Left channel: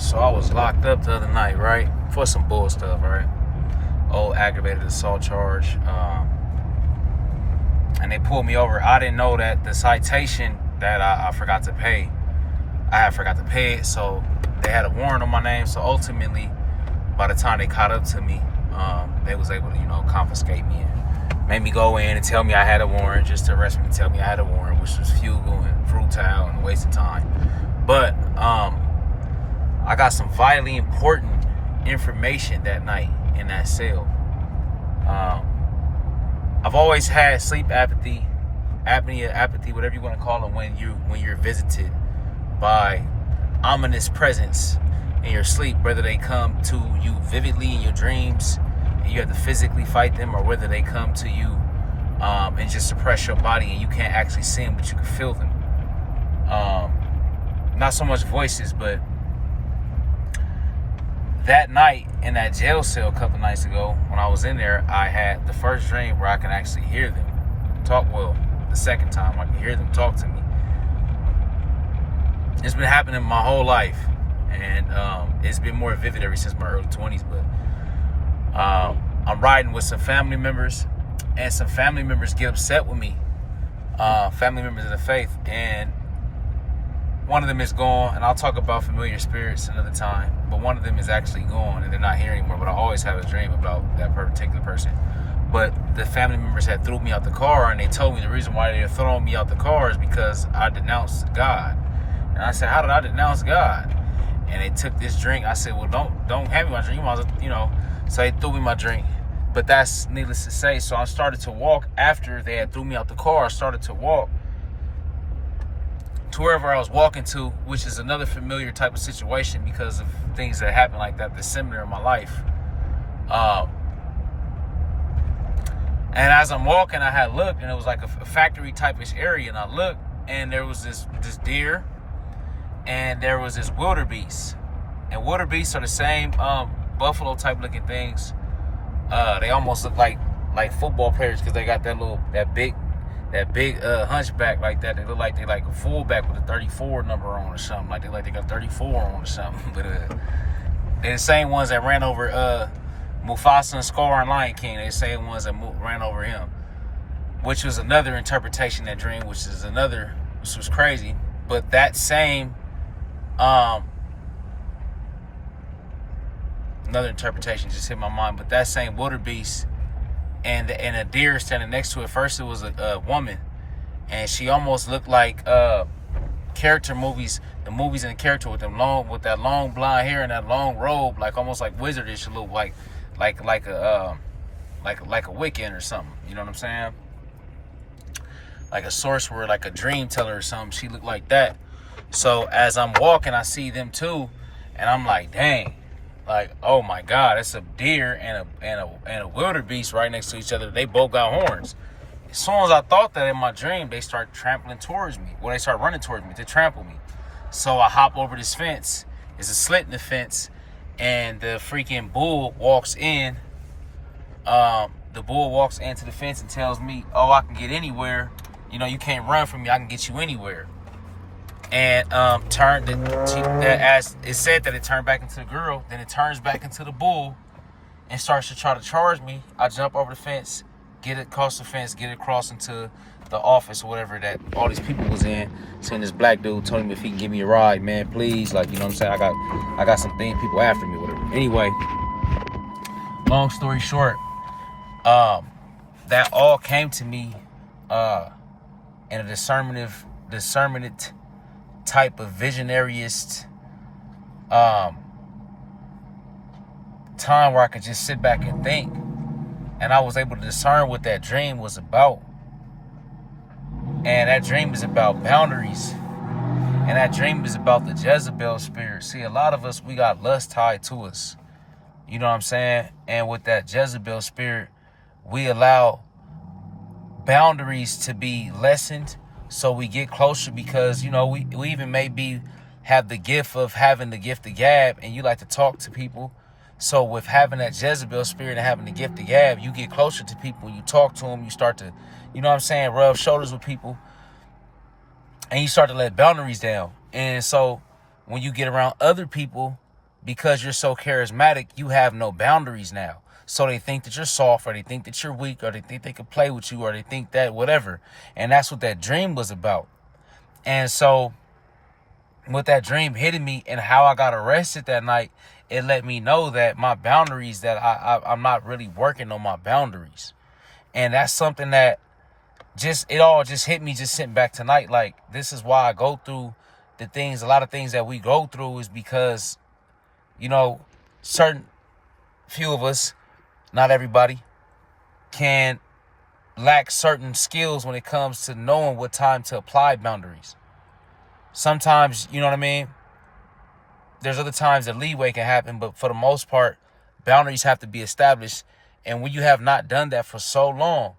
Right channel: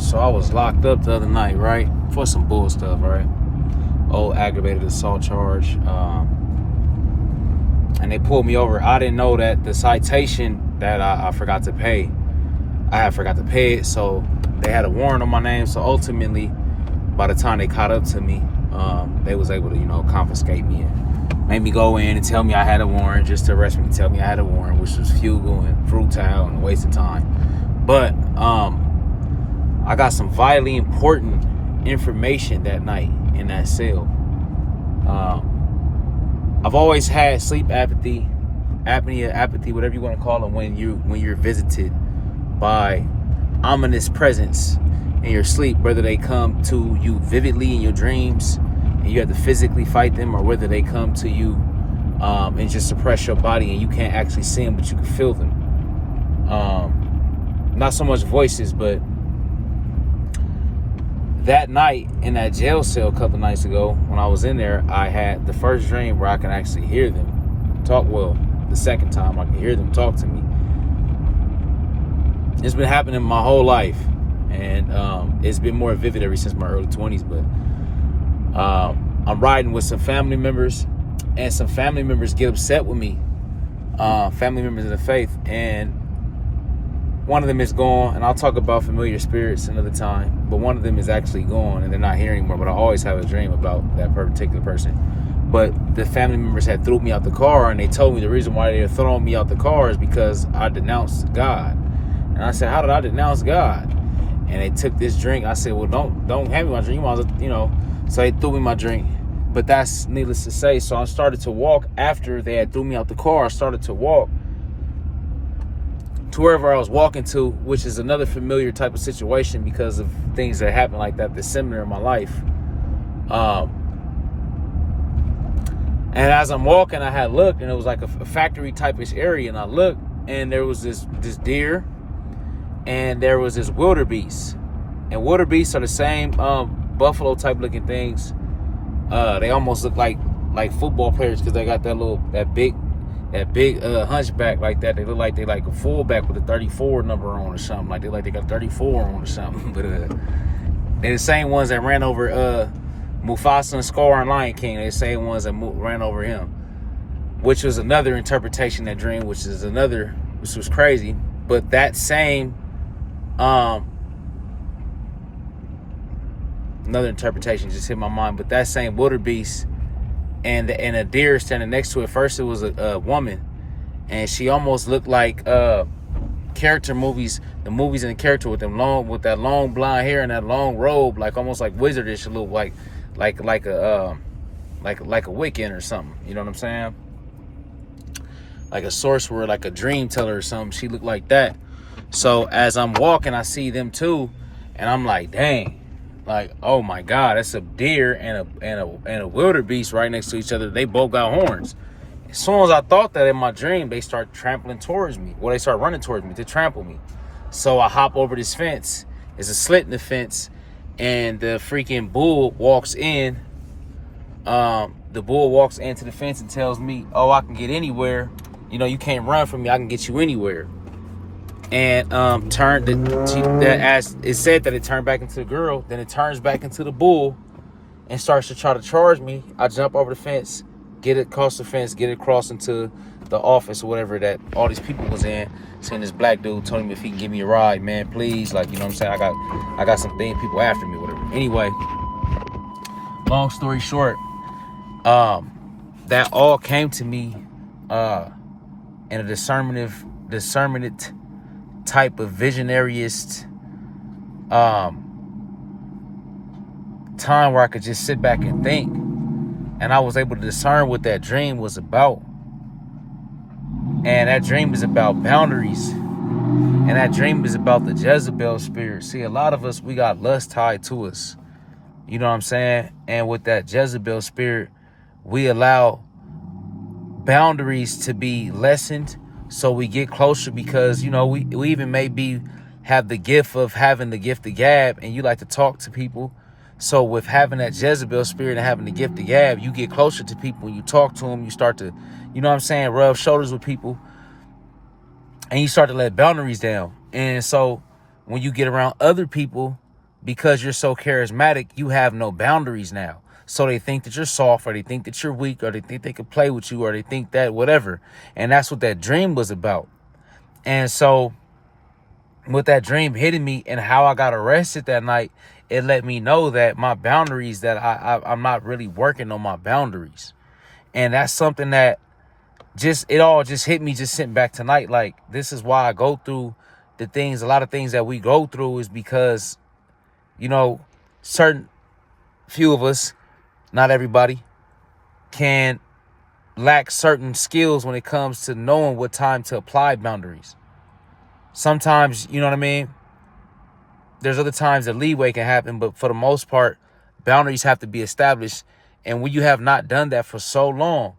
So I was locked up the other night, right? For some bull stuff, right? Old aggravated assault charge. And they pulled me over. I didn't know that the citation that I forgot to pay, I had forgot to pay it. So they had a warrant on my name. So ultimately, by the time they caught up to me, they was able to, confiscate me and made me go in and tell me I had a warrant, just to arrest me and tell me I had a warrant, which was futile and futile and a waste of time. But I got some vitally important information that night in that cell. I've always had sleep apathy, whatever you want to call it, when you're visited by ominous presence in your sleep, whether they come to you vividly in your dreams and you have to physically fight them, or whether they come to you and just suppress your body and you can't actually see them, but you can feel them. Not so much voices, but that night in that jail cell a couple nights ago, when I was in there, I had the first dream where I can actually hear them talk. Well, the second time I can hear them talk to me. It's been happening my whole life, and it's been more vivid ever since my early 20s. But I'm riding with some family members, and some family members get upset with me. Family members of the faith, and one of them is gone, and I'll talk about familiar spirits another time, but one of them is actually gone and they're not here anymore. But I always have a dream about that particular person. But the family members had threw me out the car, and they told me the reason why they had thrown me out the car is because I denounced God. And I said, how did I denounce God? And they took this drink. I said, well, don't hand me my drink. So they threw me my drink. But that's needless to say. So I started to walk after they had threw me out the car. I started to walk to wherever I was walking to, which is another familiar type of situation because of things that happened like that this similar in my life. And as I'm walking, I had looked, and it was like a factory type-ish area, and I looked, and there was this deer, and there was this wildebeest. And wildebeests are the same buffalo type looking things. They almost look like football players because they got that big hunchback like that. They look like they like a fullback with a 34 number on or something. Like they got 34 on or something. But they're the same ones that ran over Mufasa and Scar and Lion King. They're the same ones that ran over him, which was another interpretation of that dream, which was crazy. But that same another interpretation just hit my mind. But that same wildebeest and a deer standing next to it. First, it was a woman, and she almost looked like character movies. The movies and the character with that long blonde hair and that long robe, like almost like wizardish. It looked like a Wiccan or something. You know what I'm saying? Like a sorcerer, like a dream teller or something. She looked like that. So as I'm walking, I see them too, and I'm like, dang. Like, oh my God, that's a deer and a wildebeest right next to each other. They both got horns. As soon as I thought that in my dream, they start trampling towards me. Well, they start running towards me to trample me. So I hop over this fence. There's a slit in the fence, and the freaking bull walks in. The bull walks into the fence and tells me, "Oh, I can get anywhere. You can't run from me. I can get you anywhere." And as it said that it turned back into the girl, then it turns back into the bull and starts to try to charge me. I jump over the fence, get it across the fence, get it across into the office or whatever that all these people was in. Seeing this black dude told him if he can give me a ride, man, please. Like, you know what I'm saying? I got some people after me, whatever. Anyway, long story short, that all came to me in a discernment type of visionariest time where I could just sit back and think, and I was able to discern what that dream was about. And that dream is about boundaries, and that dream is about the Jezebel spirit. See, a lot of us, we got lust tied to us, you know what I'm saying? And with that Jezebel spirit, we allow boundaries to be lessened. So we get closer because, we even maybe have the gift of having the gift of gab, and you like to talk to people. So with having that Jezebel spirit and having the gift of gab, you get closer to people. You talk to them. You start to, rub shoulders with people. And you start to let boundaries down. And so when you get around other people because you're so charismatic, you have no boundaries now. So they think that you're soft, or they think that you're weak, or they think they can play with you, or they think that whatever. And that's what that dream was about. And so with that dream hitting me and how I got arrested that night, it let me know that my boundaries, that I'm not really working on my boundaries. And that's something that it all just hit me just sitting back tonight. Like, this is why I go through the things, a lot of things that we go through, is because, you know, certain few of us, not everybody, can lack certain skills when it comes to knowing what time to apply boundaries. Sometimes, you know what I mean? There's other times that leeway can happen, but for the most part, boundaries have to be established. And when you have not done that for so long,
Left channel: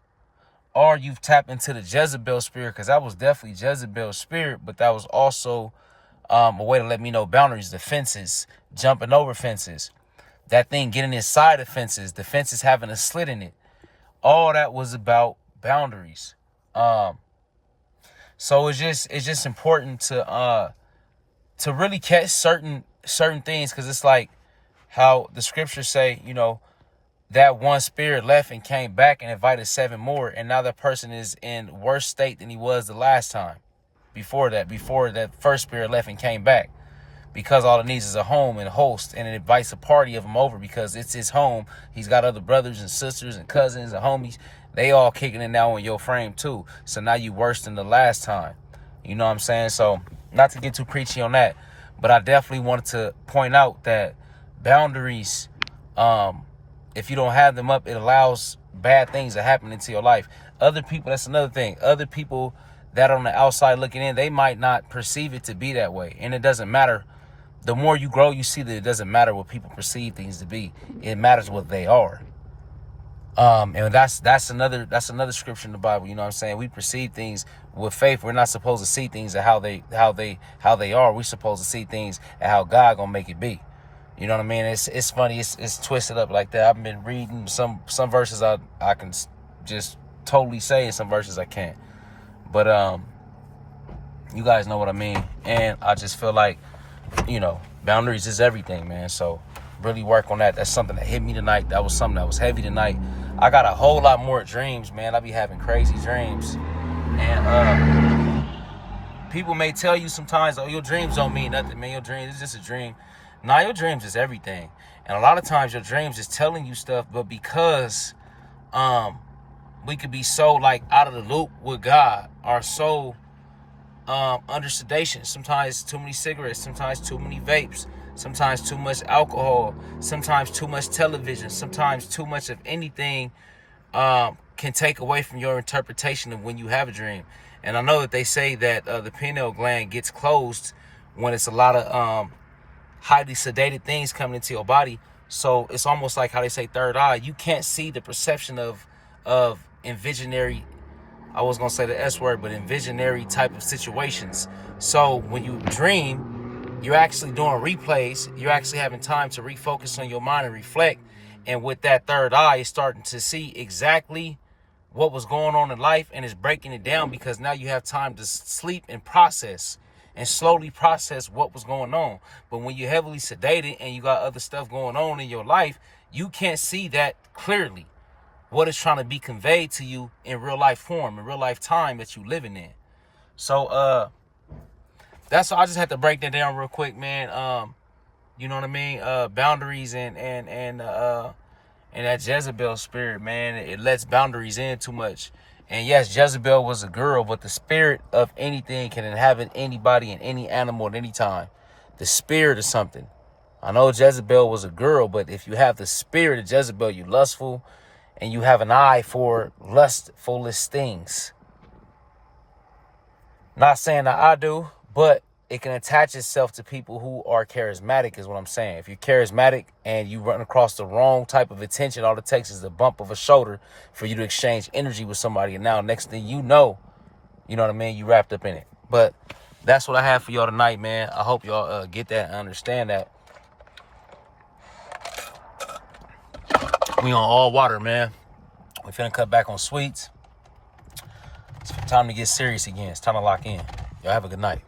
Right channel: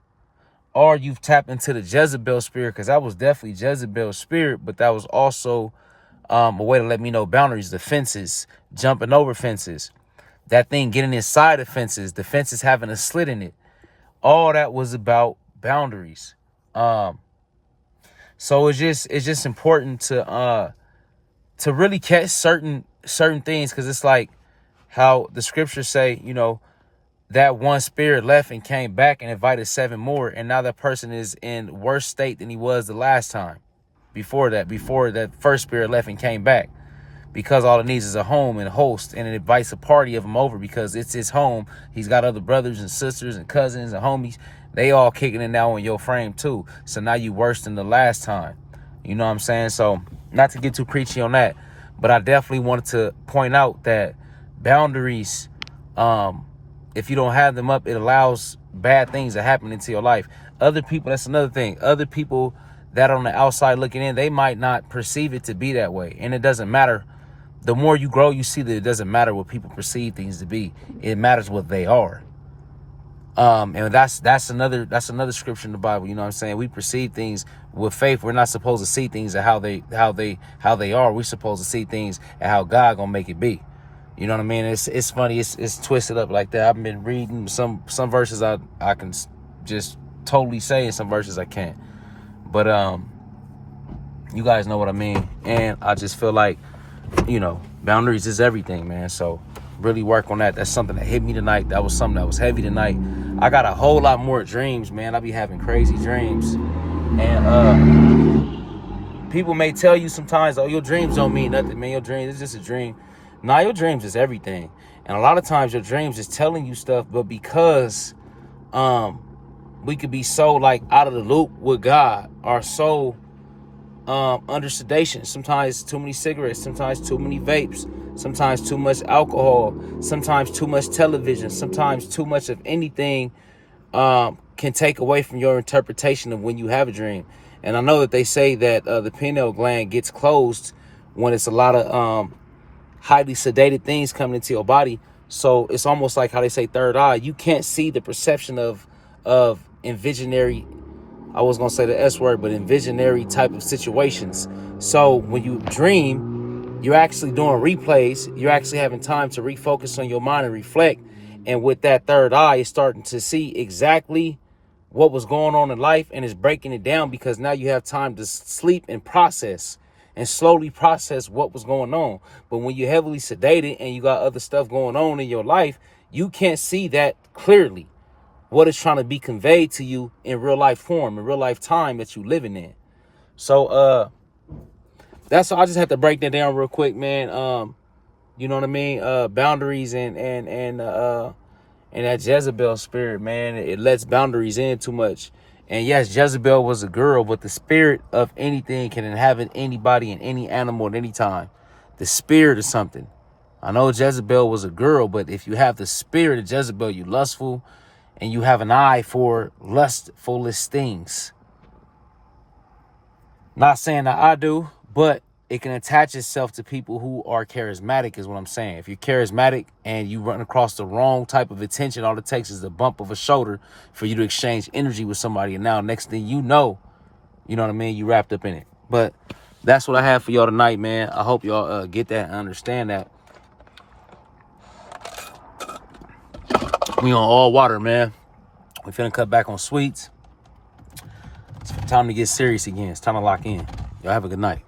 or you've tapped into the Jezebel spirit, because that was definitely Jezebel's spirit, but that was also a way to let me know boundaries, the fences, jumping over fences, that thing getting inside of fences, the fences having a slit in it. All that was about boundaries. So it's just important to really catch certain things, because it's like how the scriptures say, you know, that one spirit left and came back and invited 7 more, and now that person is in worse state than he was the last time. Before that first spirit left and came back, because all it needs is a home and a host, and it invites a party of them over because it's his home. He's got other brothers and sisters and cousins and homies. They all kicking it now on your frame too. So now you worse than the last time. You know what I'm saying? So not to get too preachy on that, but I definitely wanted to point out that boundaries, if you don't have them up, it allows bad things to happen into your life. Other people, that's another thing. Other people that on the outside looking in, they might not perceive it to be that way. And it doesn't matter. The more you grow, you see that it doesn't matter what people perceive things to be. It matters what they are. And that's another scripture in the Bible. You know what I'm saying? We perceive things with faith. We're not supposed to see things at how they are. We're supposed to see things at how God gonna make it be. You know what I mean? It's funny. It's twisted up like that. I've been reading some verses I can just totally say, and some verses I can't. But you guys know what I mean. And I just feel like, you know, boundaries is everything, man. So really work on that. That's something that hit me tonight. That was something that was heavy tonight. I got a whole lot more dreams, man. I be having crazy dreams. And people may tell you sometimes, oh, your dreams don't mean nothing, man. Your dreams, it's just a dream. Nah, your dreams is everything. And a lot of times your dreams is telling you stuff, but because we could be so like out of the loop with God, or so under sedation. Sometimes too many cigarettes, sometimes too many vapes, sometimes too much alcohol, sometimes too much television, sometimes too much of anything can take away from your interpretation of when you have a dream. And I know that they say that the pineal gland gets closed when it's a lot of highly sedated things coming into your body. So it's almost like how they say third eye. You can't see the perception of envisionary, I was gonna say the S word, but envisionary type of situations. So when you dream, you're actually doing replays. You're actually having time to refocus on your mind and reflect. And with that third eye, it's starting to see exactly what was going on in life, and it's breaking it down, because now you have time to sleep and process and slowly process what was going on. But when you're heavily sedated and you got other stuff going on in your life, you can't see that clearly, what is trying to be conveyed to you in real life form, in real life time that you living in. So that's all. I just had to break that down real quick, man. You know what I mean? Boundaries and that Jezebel spirit, man, it lets boundaries in too much. And yes, Jezebel was a girl, but the spirit of anything can inhabit anybody and any animal at any time. The spirit is something. I know Jezebel was a girl, but if you have the spirit of Jezebel, you're lustful, and you have an eye for lustfulest things. Not saying that I do, but it can attach itself to people who are charismatic, is what I'm saying. If you're charismatic and you run across the wrong type of attention, all it takes is a bump of a shoulder for you to exchange energy with somebody. And now next thing you know what I mean? You wrapped up in it. But that's what I have for y'all tonight, man. I hope y'all get that and understand that. We on all water, man. We're finna cut back on sweets. It's time to get serious again. It's time to lock in. Y'all have a good night.